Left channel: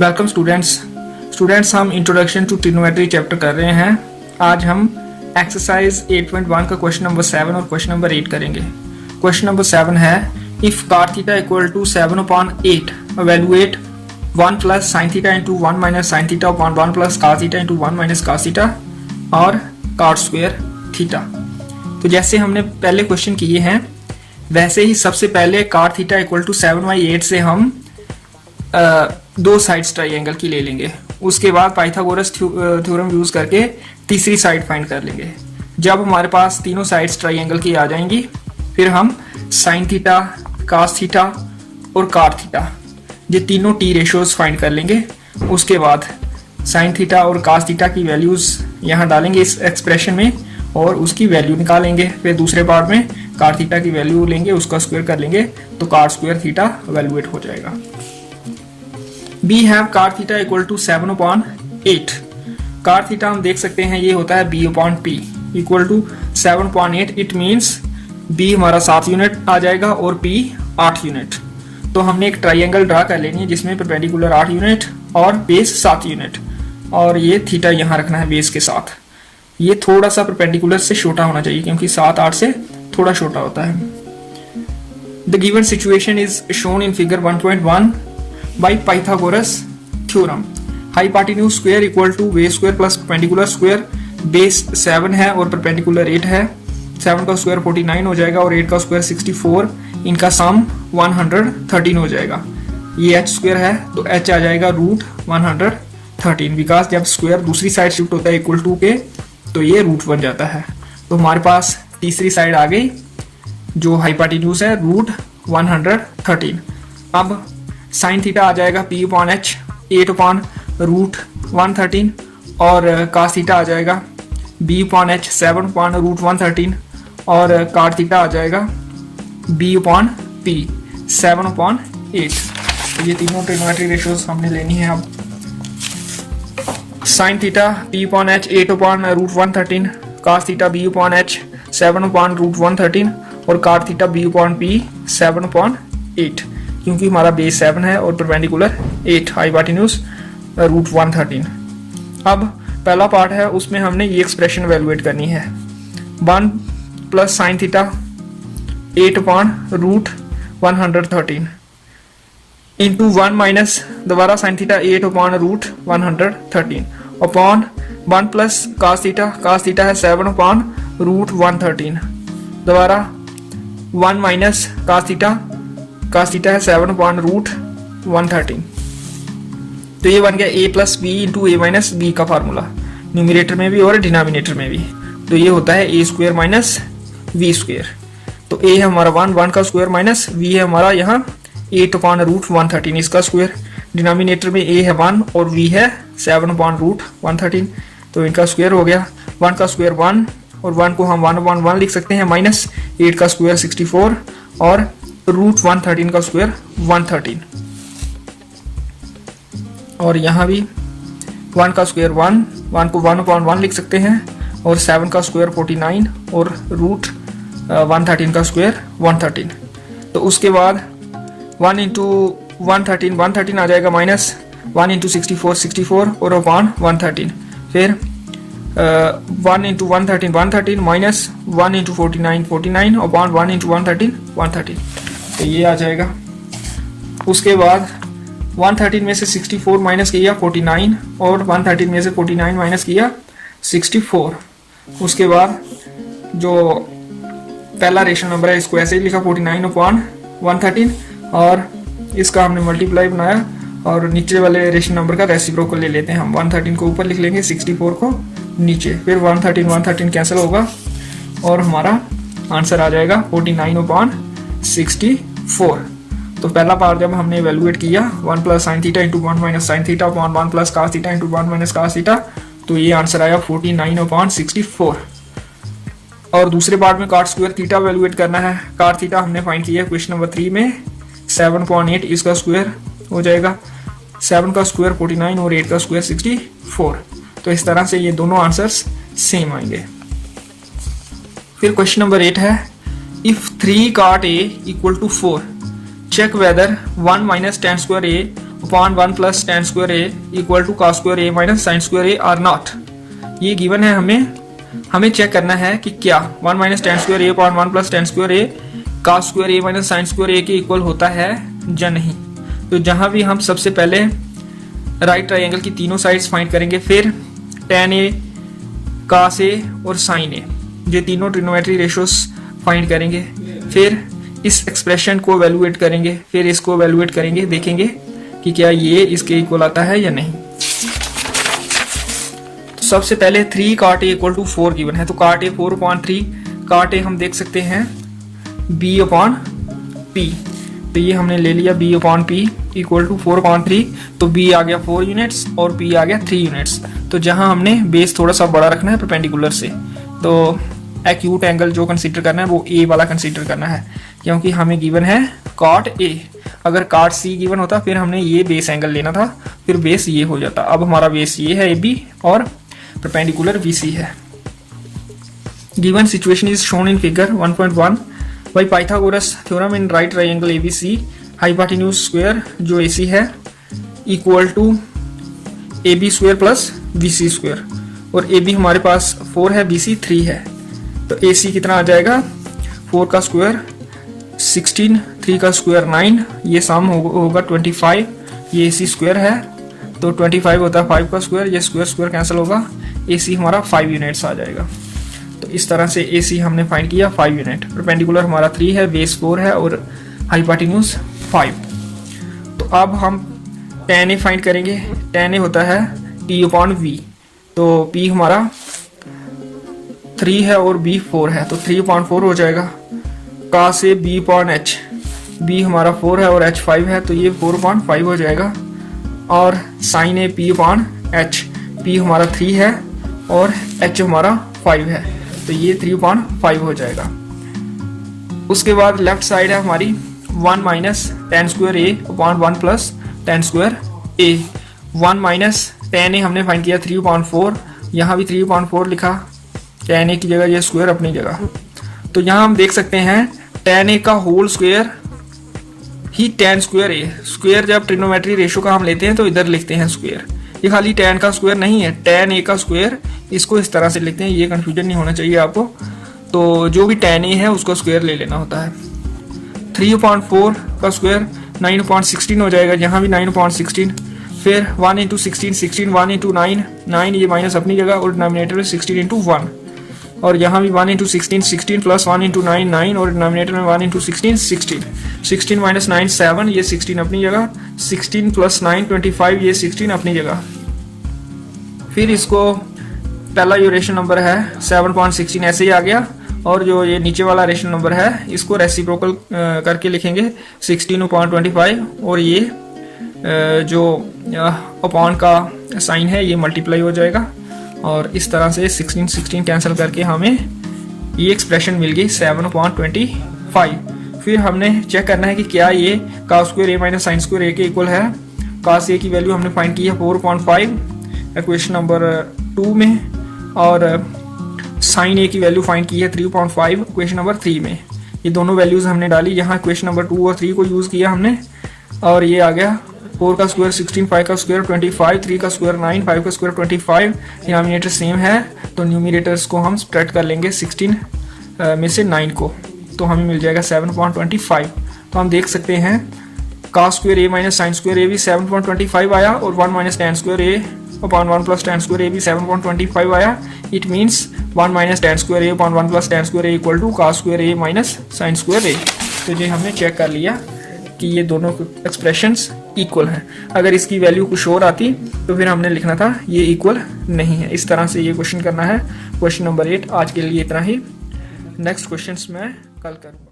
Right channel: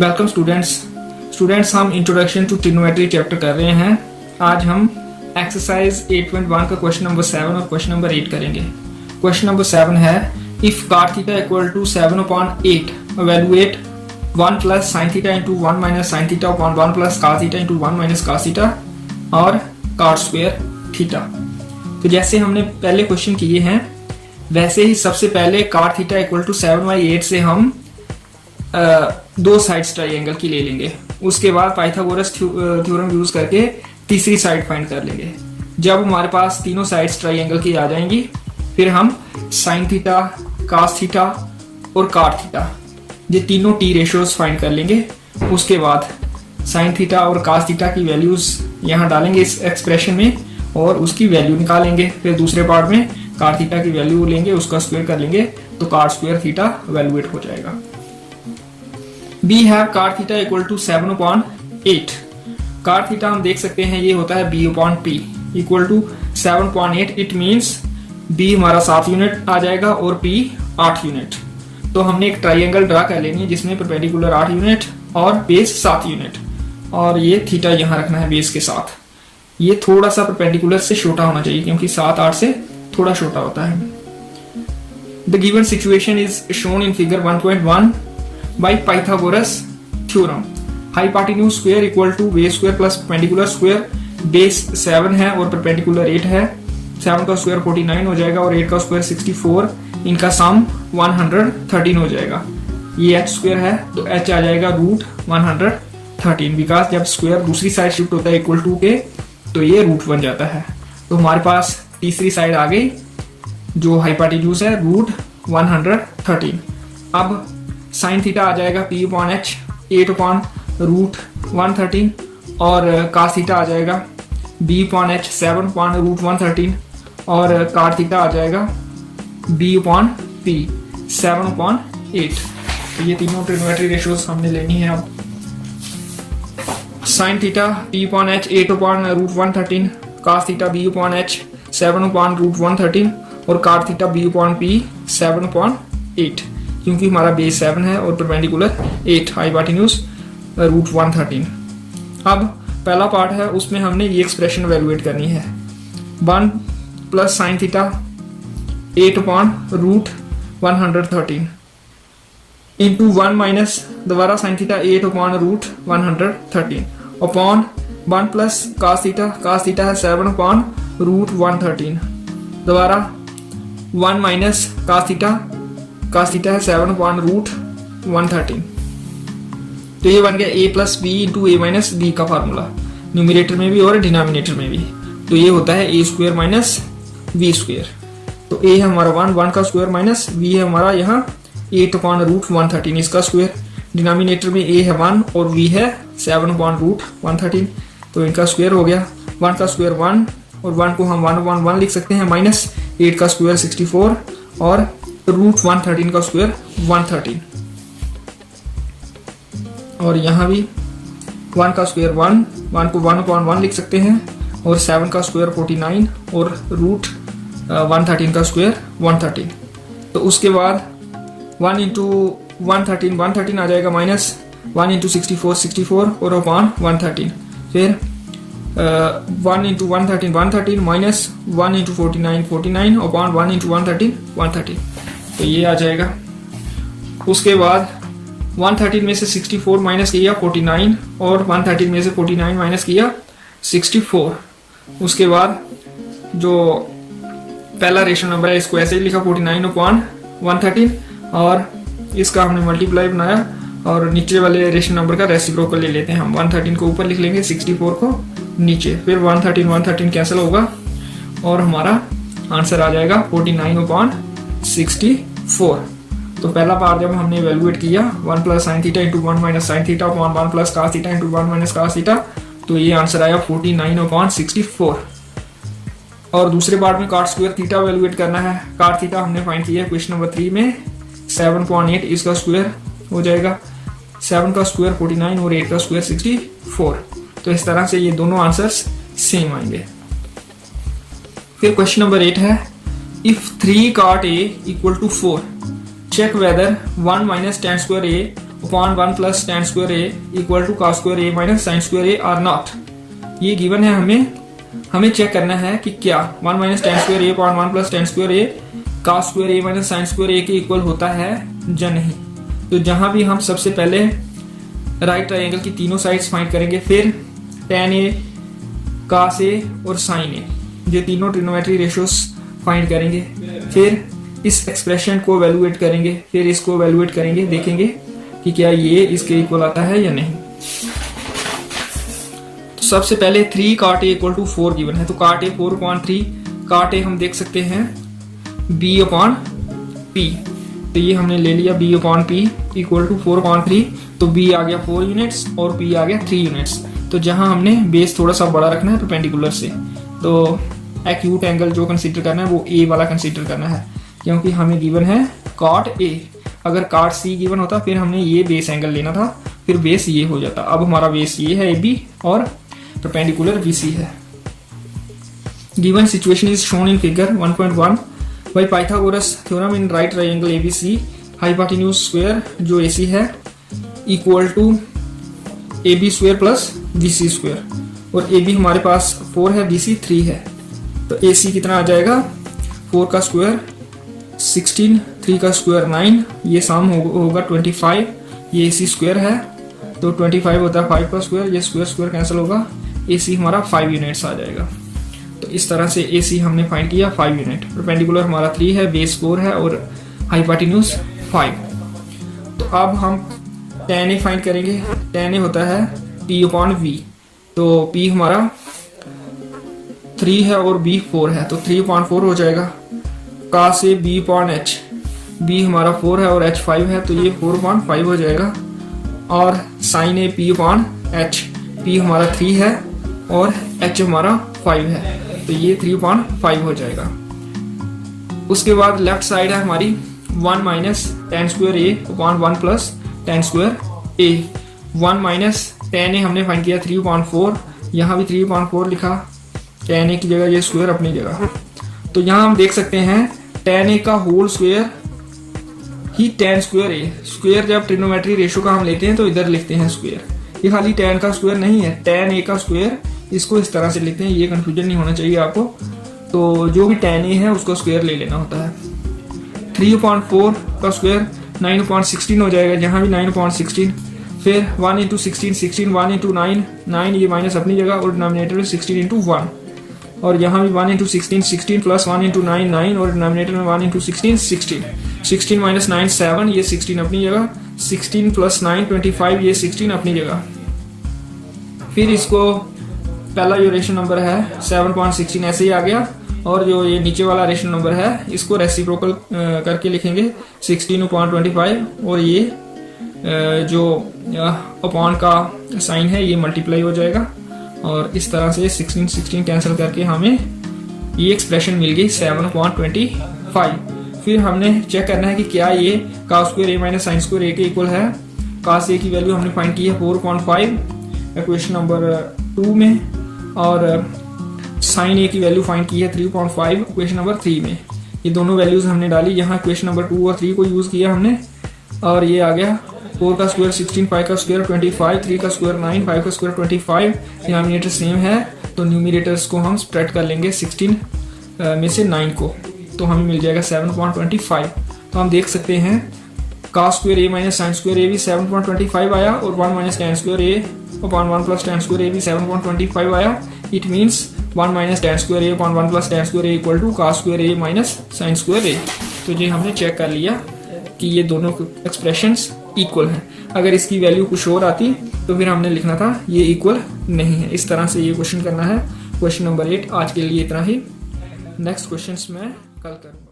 Welcome students हम introduction to trigonometry chapter कर रहे हैं। आज हम एक्सरसाइज 8.1 का क्वेश्चन नंबर 7 और क्वेश्चन नंबर 8 करेंगे। क्वेश्चन नंबर 7 है if cot theta equal to 7/8 evaluate 1 plus sin theta into 1 minus sin theta upon 1 plus cos theta into 1 minus cos theta और cot square theta। तो जैसे हमने पहले question किए हैं वैसे ही सबसे पहले cot थीटा इक्वल टू 7/8 से हम दो साइड्स ट्राइंगल की ले लेंगे। उसके बाद पाइथागोरस थ्योरम यूज करके तीसरी साइड फाइंड कर लेंगे। जब हमारे पास तीनों साइड्स ट्राइंगल की आ जाएंगी फिर हम साइन थीटा, कास थीटा और कॉट थीटा ये तीनों टी रेशियोज फाइंड कर लेंगे। उसके बाद साइन थीटा और कास थीटा की वैल्यूज यहाँ डालेंगे इस एक्सप्रेशन में और उसकी वैल्यू निकालेंगे। फिर दूसरे पार्ट में कॉट थीटा की वैल्यू लेंगे, उसका स्क्वायर कर लेंगे तो कॉट स्क्वायर थीटा वैल्यूएट हो जाएगा। We have cot theta equal to 7/8। cot theta हम देख सकते हैं ये होता है b/p equal to 7/8। It means b हमारा 7 यूनिट आ जाएगा और p 8 यूनिट। तो हमने एक ट्राइंगल ड्रा कर लेनी है जिसमें परपेंडिकुलर 8 यूनिट और बेस 7 यूनिट और ये थीटा यहाँ रखना है बेस के साथ। ये थोड़ा सा परपेंडिकुलर से छोटा होना चाहिए क्योंकि 7 8 से थोड़ा छोटा होता है। The given situation is shown in figure 1.1 by Pythagoras theorem। Hypotenuse square equal to base square plus perpendicular square. Base 7 है और परपेंडिकुलर 8 है। 7 का स्क्वायर 49 हो जाएगा और 8 का स्क्वायर 64। इनका सम 113 हो जाएगा। ये h स्क्वायर है तो h आ जाएगा √113 बिकॉज जब स्क्वायर दूसरी साइड शिफ्ट होता है इक्वल टू के तो ये रूट बन जाता है। तो हमारे पास तीसरी साइड आ गई जो हाइपोटेन्यूज है √113। अब साइन थीटा आ जाएगा p/h 8/√113 और cos थीटा आ जाएगा b/h 7/√113 और cot थीटा आ जाएगा b/p 7/8। तो ये तीनों ट्रिग्नोमेट्री रेशियोज हमने लेनी है। अब sine theta p/h 8/√113, cos theta b/h 7/√113 और cot थीटा b/p 7/8 क्योंकि हमारा बेस 7 है और परपेंडिकुलर 8 हाइपोटेन्यूज √113। अब पहला पार्ट है उसमें हमने ये एक्सप्रेशन वैल्यूएट करनी है 1 plus sine theta 8/√113 into 1 minus दोबारा sine theta 8/√113 upon 1 plus cos theta है 7/√113 दोबारा 1 माइनस कास थीटा है 7/√113। तो ये बन गया a plus B into a minus B का फार्मूला न्यूमिनेटर में भी और डिनोमिनेटर में भी। तो ये होता है a square minus v square. तो a है हमारा 1 का स्क्वायर माइनस v है हमारा यहाँ 8/√113 इसका स्क्वायर। डिनोमिनेटर में a है 1 और v है 7/√113 तो इनका स्क्वायर हो गया। 1 का स्क्वायर 1 और 1 को हम 1/1 लिख सकते हैं माइनस 8 का स्क्वायर 64 और √113 का स्क्वायर 113 और यहाँ भी 1 का स्क्वायर 1 को 1/1 लिख सकते हैं और 7 का स्क्वायर 49 और √113 का स्क्वायर 113। तो उसके बाद 1 इंटू 113 आ जाएगा माइनस 1 इंटू 64 और अपॉन 113। फिर 1 into 113 minus 1 into 49 upon 1 into 113 तो ये आ जाएगा। उसके बाद 113 में से 64 माइनस किया 49 और 113 में से 49 माइनस किया 64। उसके बाद जो पहला रेशनल नंबर है इसको ऐसे ही लिखा 49/113 और इसका हमने मल्टीप्लाई बनाया और नीचे वाले रेशनल नंबर का रेसिप्रोकल ले लेते हैं हम। 113 को ऊपर लिख लेंगे 64 को नीचे। फिर 113 कैंसिल होगा और हमारा आंसर आ जाएगा 49/64। तो पहला पार्ट जब हमने इवेलुएट किया 1 plus sine theta into 1 minus sine theta upon 1 plus cos theta into 1 minus cos theta तो ये आंसर आया 49/64। और दूसरे पार्ट में कॉट स्क्वायर थीटा इवेलुएट करना है। कॉट थीटा हमने फाइंड किया क्वेश्चन नंबर 3 में 7/8 इसका स्क्वायर हो जाएगा। 7 का स्क्वायर 49 और 8 का स्क्वायर 64। तो इस तरह से ये दोनों आंसर्स सेम आएंगे। फिर क्वेश्चन नंबर 8 है if 3 cot A equal to 4 check whether 1 minus tan square A upon 1 plus tan square A equal to cos square A minus sin square A are not. ये given है, हमें check करना है कि क्या 1 minus tan square A upon 1 plus tan square A cos square A minus sin square A के equal होता है या नहीं। तो जहां भी हम सबसे पहले राइट ट्राइंगल की तीनों साइड्स फाइंड करेंगे, फिर tan ए, cos ए और sin ए, ये तीनों ट्रिग्नोमेट्री रेशियोज फाइंड करेंगे, फिर इस एक्सप्रेशन को वैल्यूएट करेंगे, फिर इसको वैल्यूएट करेंगे, देखेंगे कि क्या ये इसके इक्वल आता है या नहीं। तो सबसे पहले 3 cot a equal to 4 given है, तो cot a 4/3, cot a हम देख सकते हैं b/p, तो ये हमने ले लिया b/p इक्वल टू 4/3, तो b आ गया 4 यूनिट्स और p आ गया 3 यूनिट्स। तो जहां हमने बेस थोड़ा सा बड़ा रखना है परपेंडिकुलर से, तो एक्यूट एंगल जो कंसीडर करना है वो a वाला कंसीडर करना है, क्योंकि हमें गिवन है cot a। अगर cot c गिवन होता फिर हमने ये बेस एंगल लेना था, फिर बेस ये हो जाता। अब हमारा बेस ये है ab और परपेंडिकुलर bc है। Given situation is shown in figure 1.1 by Pythagoras theorem in right triangle abc hypotenuse square जो ac है equal to ab square plus bc square, और ab हमारे पास 4 है, bc 3 है, तो ac कितना आ जाएगा 4 का स्क्वायर 16, 3 का स्क्वायर 9, ये सम होगा 25, ये ac स्क्वायर है तो 25 होता है 5 का स्क्वायर, ये स्क्वायर स्क्वायर कैंसिल होगा, ac हमारा 5 यूनिट्स आ जाएगा। तो इस तरह से ac हमने फाइंड किया 5 यूनिट, परपेंडिकुलर हमारा 3 है, बेस 4 है और हाइपोटेन्यूज 5। तो अब हम tan a फाइंड करेंगे, tan a होता है p/v, तो p हमारा 3 है और b 4 है, तो 3/4 हो जाएगा। cos a b/h, b हमारा 4 है और h 5 है, तो ये 4/5 हो जाएगा। और sin a p/h, p हमारा 3 है और h हमारा 5 है, तो ये 3/5 हो जाएगा। उसके बाद लेफ्ट साइड है हमारी 1 minus tan square a upon 1 plus tan square a। 1 minus tan a हमने फाइंड किया 3/4, यहाँ भी 3/4 लिखा, tan a की जगह ये स्क्वायर अपनी जगह। तो यहाँ हम देख सकते हैं tan a का होल स्क्वायर ही tan स्क्वायर a, स्क्वायर जब ट्रिग्नोमेट्री रेशियो का हम लेते हैं तो इधर लिखते हैं स्क्वायर, ये खाली tan का स्क्वायर नहीं है, tan a का स्क्वायर, इसको इस तरह से लिखते हैं, ये कंफ्यूजन नहीं होना चाहिए आपको। तो जो भी tan a है उसको स्क्वायर ले लेना होता है। 3/4 का स्क्वायर 9/16 हो जाएगा, यहाँ भी 9/16, फिर 1 इंटू 16, 16, 1 इंटू 9, 9 ये माइनस अपनी जगह और डिनोमिनेटर में 16 इंटू 1, और यहाँ भी 1 इंटू 16, 16 प्लस 1 इंटू 9, 9 और डिनोमिनेटर में 1 इंटू 16, 16, 16 माइनस 9 7, ये 16 अपनी जगह, 16 प्लस 9 25, ये 16 अपनी जगह। फिर इसको पहला जो रेशनल नंबर है 7/16 ऐसे ही आ गया, और जो ये नीचे वाला रेशनल नंबर है इसको रेसिप्रोकल करके लिखेंगे 16/25, और ये जो अपॉन का साइन है ये मल्टीप्लाई हो जाएगा, और इस तरह से 16 16 कैंसिल करके हमें ये एक्सप्रेशन मिल गई 7/25। फिर हमने चेक करना है कि क्या ये cos square a minus sin square a के इक्वल है। cos a की वैल्यू हमने फाइंड की है 4/5 इक्वेशन नंबर 2 में, और sin a की वैल्यू फाइंड की है 3/5 इक्वेशन नंबर 3 में। ये दोनों वैल्यूज हमने डाली, यहाँ इक्वेशन नंबर 2 और 3 को यूज किया हमने, और ये आ गया 4 का स्क्वायर 16, 5 का स्क्वायर 25, 3 का स्क्वायर 9, 5 का स्क्वायर 25। डिनोमिनेटर सेम है तो न्यूमरेटर्स को हम स्प्रेड कर लेंगे 16 में से 9 को, तो हमें मिल जाएगा 7/25। तो हम देख सकते हैं cos square a minus sin square a भी 7/25 आया, और 1 minus tan square a upon 1 plus tan square a भी 7/25 आया। It means 1 minus tan square a upon 1 plus tan square a equal to cos square a minus sin square a। तो ये हमने check कर लिया कि ये दोनों एक्सप्रेशंस इक्वल हैं। अगर इसकी वैल्यू कुछ और आती तो फिर हमने लिखना था ये इक्वल नहीं है। इस तरह से ये क्वेश्चन करना है। क्वेश्चन नंबर 8 आज के लिए इतना ही, नेक्स्ट क्वेश्चंस मैं कल करूँगा।